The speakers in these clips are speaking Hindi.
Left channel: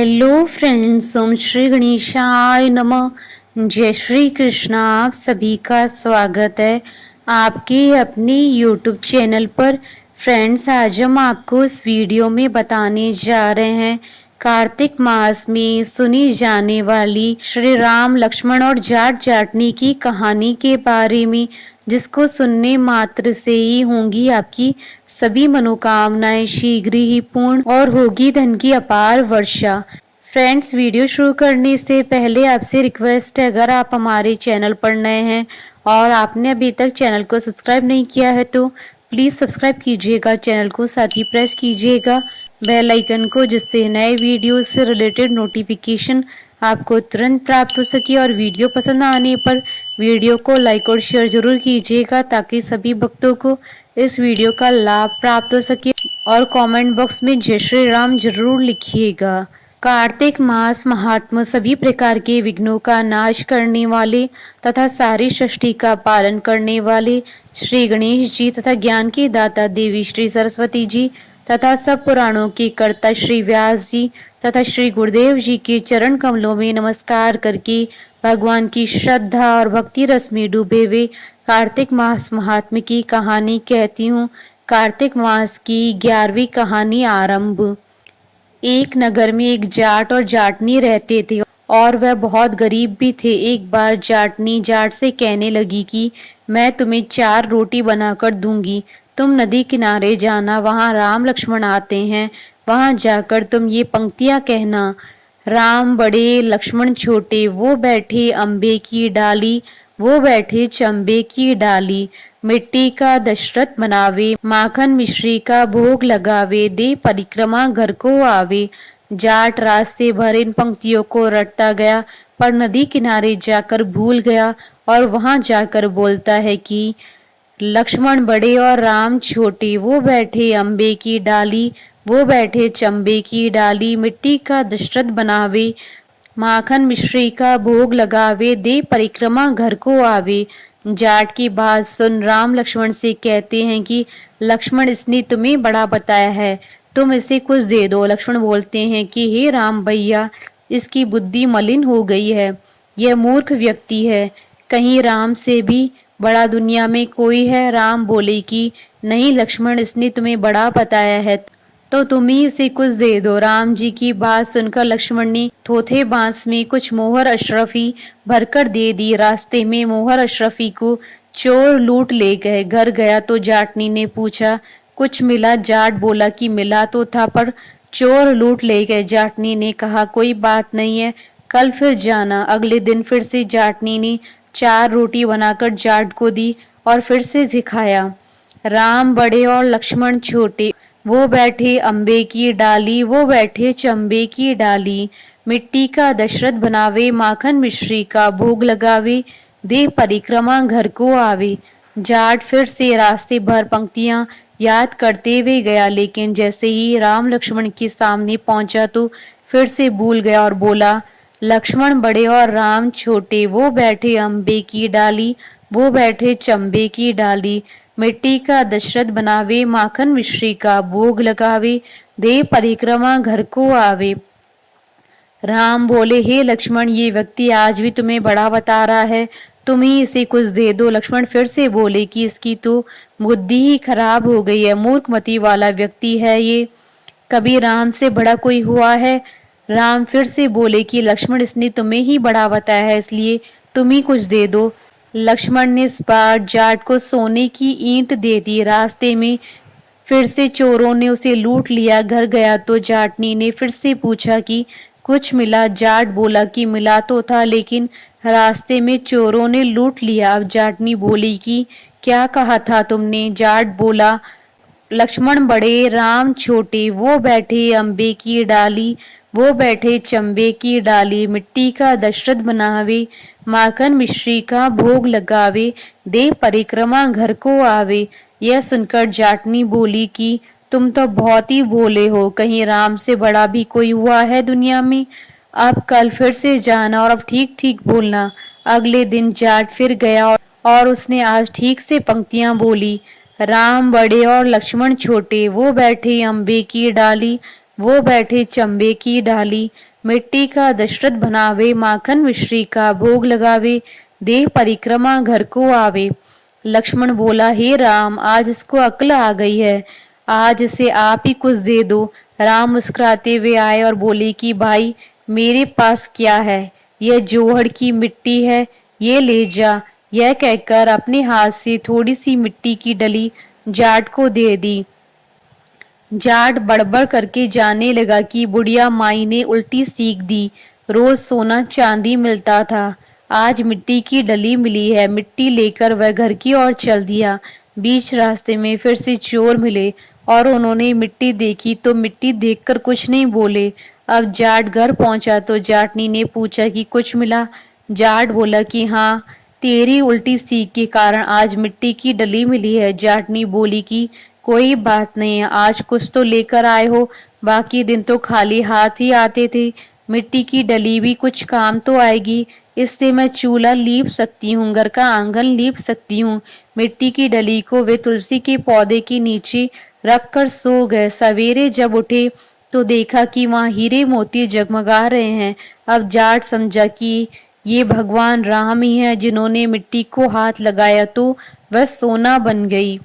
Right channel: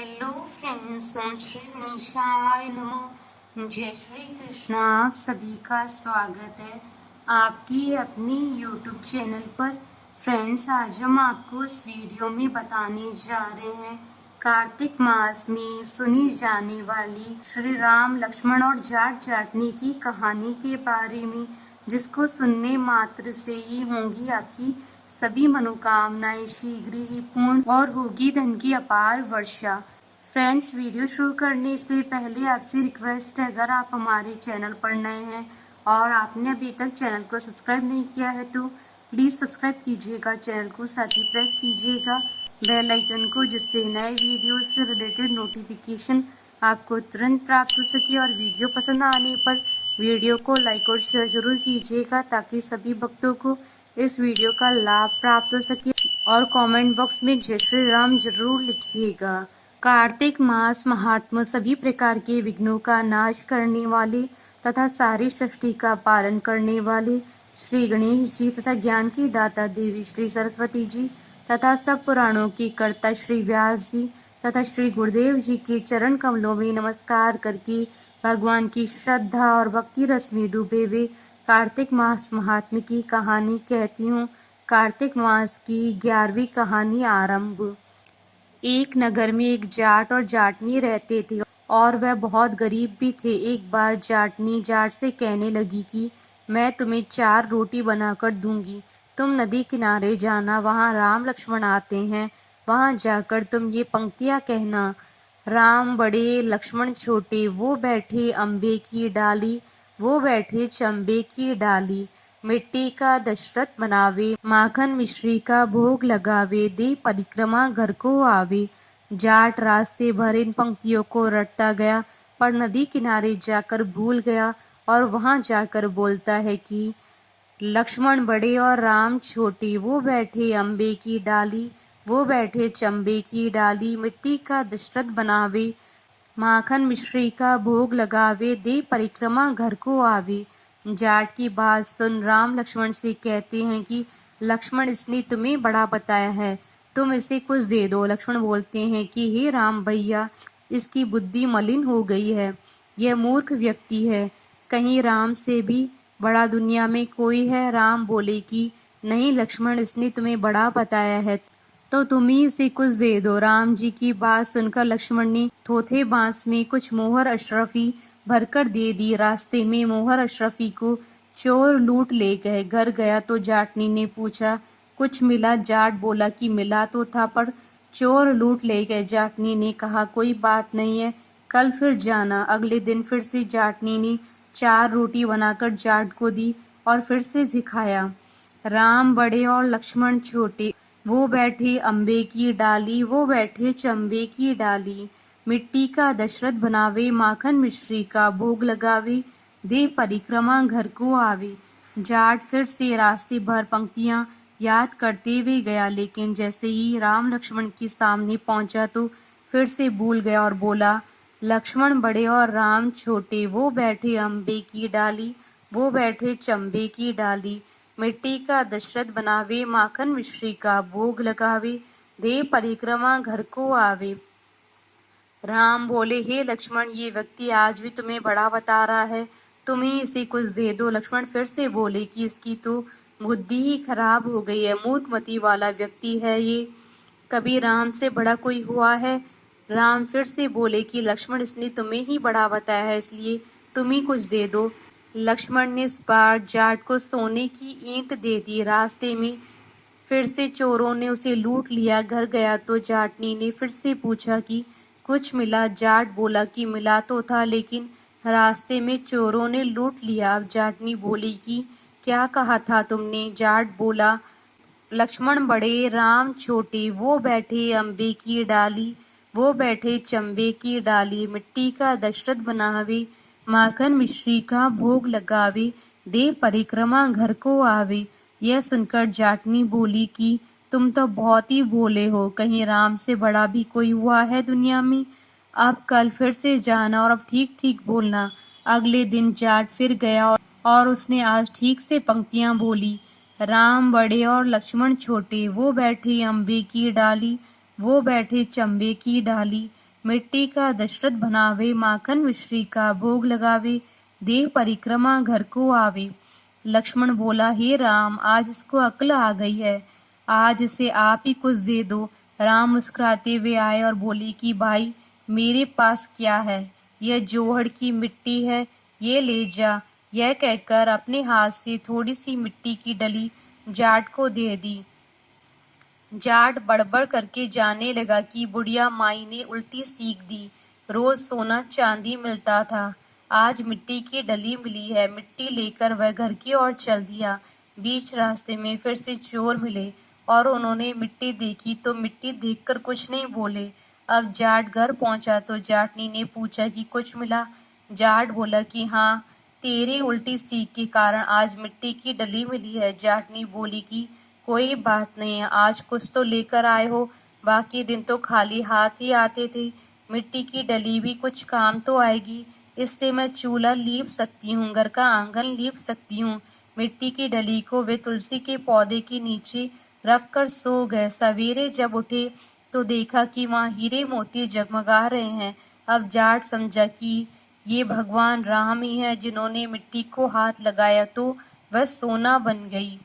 हेलो फ्रेंड्स, ओम श्री गणेशाय नमः। जय श्री कृष्णा। आप सभी का स्वागत है आपके अपने यूट्यूब चैनल पर। फ्रेंड्स, आज हम आपको इस वीडियो में बताने जा रहे हैं कार्तिक मास में सुनी जाने वाली श्री राम लक्ष्मण और जाट जाटनी की कहानी के बारे में, जिसको सुनने मात्र से ही होंगी आपकी सभी मनोकामनाएं शीघ्र ही पूर्ण और होगी धन की अपार वर्षा। फ्रेंड्स, वीडियो शुरू करने से पहले आपसे रिक्वेस्ट है, अगर आप हमारे चैनल पर नए हैं और आपने अभी तक चैनल को सब्सक्राइब नहीं किया है तो प्लीज़ सब्सक्राइब कीजिएगा चैनल को, साथ ही प्रेस कीजिएगा बेल आइकन को, जिससे नए वीडियो से रिलेटेड नोटिफिकेशन आपको तुरंत प्राप्त हो सके। और वीडियो पसंद आने पर वीडियो को लाइक और शेयर जरूर कीजिएगा, ताकि सभी भक्तों को इस वीडियो का लाभ प्राप्त हो सके। और कमेंट बॉक्स में जय श्री राम जरूर लिखिएगा। कार्तिक मास महात्मा सभी प्रकार के विघ्नों का नाश करने वाले तथा सारी सृष्टि का पालन करने वाले श्री गणेश जी तथा ज्ञान की दाता देवी श्री सरस्वती जी तथा सब पुराणों के कर्ता श्री व्यास जी तथा श्री गुरुदेव जी के चरण कमलों में नमस्कार करके भगवान की श्रद्धा और भक्ति रस में डूबे हुए कार्तिक मास महात्म्य की कहानी कहती हूँ। कार्तिक मास की 11वीं कहानी आरंभ। एक नगर में एक जाट और जाटनी रहते थे और वह बहुत गरीब भी थे। एक बार जाटनी जाट से कहने लगी कि मैं तुम्हें 4 रोटी बनाकर दूंगी, तुम नदी किनारे जाना, वहां राम लक्ष्मण आते हैं, वहां जाकर तुम ये पंक्तियां कहना। राम बड़े लक्ष्मण छोटे, वो बैठे अम्बे की डाली, वो बैठे चंबे की डाली। मिट्टी का दशरथ बनावे, माखन मिश्री का भोग लगावे, दे परिक्रमा घर को आवे। जाट रास्ते भर इन पंक्तियों को रटता गया, पर नदी किनारे जाकर भूल गया और वहां जाकर बोलता है कि लक्ष्मण बड़े और राम छोटे, वो बैठे अम्बे की डाली, वो बैठे चंबे की डाली। मिट्टी का दशरथ बनावे, माखन मिश्री का भोग लगावे, दे परिक्रमा घर को आवे। जाट की बात सुन राम लक्ष्मण से कहते हैं कि लक्ष्मण, इसने तुम्हें बड़ा बताया है, तुम इसे कुछ दे दो। लक्ष्मण बोलते हैं कि हे राम भैया, इसकी बुद्धि मलिन हो गई है, यह मूर्ख व्यक्ति है, कहीं राम से भी बड़ा दुनिया में कोई है। राम बोले कि नहीं लक्ष्मण, इसने तुम्हें बड़ा बताया है तो तुम ही इसे कुछ दे दो। राम जी की बात सुनकर लक्ष्मण ने थोथे बांस में कुछ मोहर अशरफी भरकर दे दी। रास्ते में मोहर अशरफी को चोर लूट ले गए। घर गया तो जाटनी ने पूछा कुछ मिला? जाट बोला कि मिला तो था, पर चोर लूट ले गए। जाटनी ने कहा कोई बात नहीं है, कल फिर जाना। अगले दिन फिर से जाटनी ने 4 रोटी बनाकर जाट को दी और फिर से सिखाया। राम बड़े और लक्ष्मण छोटे, वो बैठे अम्बे की डाली, वो बैठे चंबे की डाली। मिट्टी का दशरथ बनावे, माखन मिश्री का भोग लगावे, दे परिक्रमा घर को आवे। जाट फिर से रास्ते भर पंक्तियां याद करते हुए गया, लेकिन जैसे ही राम लक्ष्मण के सामने पहुंचा तो फिर से भूल गया और बोला लक्ष्मण बड़े और राम छोटे, वो बैठे अम्बे की डाली, वो बैठे चंबे की डाली। मिट्टी का दशरथ बनावे, माखन मिश्री का भोग लगावे, दे परिक्रमा घर को आवे। राम बोले हे लक्ष्मण, ये व्यक्ति आज भी तुम्हें बड़ा बता रहा है, तुम ही इसे कुछ दे दो। लक्ष्मण फिर से बोले कि इसकी तो बुद्धि ही खराब हो गई है, मूर्खमती वाला व्यक्ति है ये, कभी राम से बड़ा कोई हुआ है? राम फिर से बोले कि लक्ष्मण, इसने तुम्हें ही बड़ा बताया है, इसलिए तुम ही कुछ दे दो। लक्ष्मण ने इस बार जाट को सोने की ईंट दे दी। रास्ते में फिर से चोरों ने उसे लूट लिया। घर गया तो जाटनी ने फिर से पूछा कि कुछ मिला? जाट बोला कि मिला तो था, लेकिन रास्ते में चोरों ने लूट लिया। अब जाटनी बोली कि क्या कहा था तुमने? जाट बोला लक्ष्मण बड़े राम छोटे, वो बैठे अम्बे की डाली, वो बैठे चंबे की डाली। मिट्टी का दशरथ बनावे, माखन मिश्री का भोग लगावे, दे परिक्रमा घर को आवे। यह सुनकर जाटनी बोली कि तुम तो बहुत ही भोले हो, कहीं राम से बड़ा भी कोई हुआ है दुनिया में? अब कल फिर से जाना और अब ठीक ठीक बोलना। अगले दिन जाट फिर गया और उसने आज ठीक से पंक्तियां बोली। राम बड़े और लक्ष्मण छोटे, वो बैठे अम्बे की डाली, वो बैठे चंबे की डाली। मिट्टी का दशरथ बनावे, माखन मिश्री का भोग लगावे, देह परिक्रमा घर को आवे। लक्ष्मण बोला, हे राम, आज इसको अक्ल आ गई है, आज इसे आप ही कुछ दे दो। राम मुस्कुराते हुए आए और बोले कि भाई, मेरे पास क्या है, यह जोहड़ की मिट्टी है, ये ले जा। यह कहकर अपने हाथ से थोड़ी सी मिट्टी की डली जाट को दे दी। जाट बड़बड़ करके जाने लगा कि बुढ़िया माई ने उल्टी सीख दी, रोज सोना चांदी मिलता था, आज मिट्टी की डली मिली है। मिट्टी लेकर वह घर की ओर चल दिया। बीच रास्ते में फिर से चोर मिले और उन्होंने मिट्टी देखी तो मिट्टी देखकर कुछ नहीं बोले। अब जाट घर पहुंचा तो जाटनी ने पूछा कि कुछ मिला। जाट बोला कि हाँ, तेरी उल्टी सीख के कारण आज मिट्टी की डली मिली है। जाटनी बोली कि कोई बात नहीं है, आज कुछ तो लेकर आए हो, बाकी दिन तो खाली हाथ ही आते थे। मिट्टी की डली भी कुछ काम तो आएगी, इससे मैं चूल्हा लीप सकती हूँ, घर का आंगन लीप सकती हूँ। मिट्टी की डली को वे तुलसी के पौधे के नीचे रख कर सो गए। सवेरे जब उठे तो देखा कि वहाँ हीरे मोती जगमगा रहे हैं। अब जाट समझा कि ये भगवान राम ही है, जिन्होंने मिट्टी को हाथ लगाया तो वह सोना बन गई।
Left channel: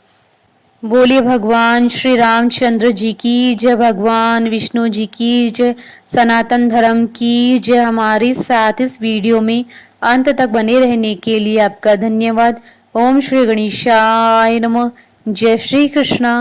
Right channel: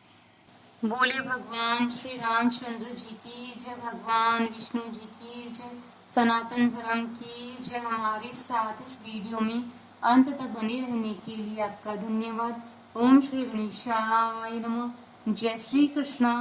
बोलिए भगवान श्री रामचंद्र जी की जय, भगवान विष्णु जी की जय, सनातन धर्म की जय। हमारे साथ इस वीडियो में अंत तक बने रहने के लिए आपका धन्यवाद। ओम श्री गणेशाय नमः। जय श्री कृष्णा।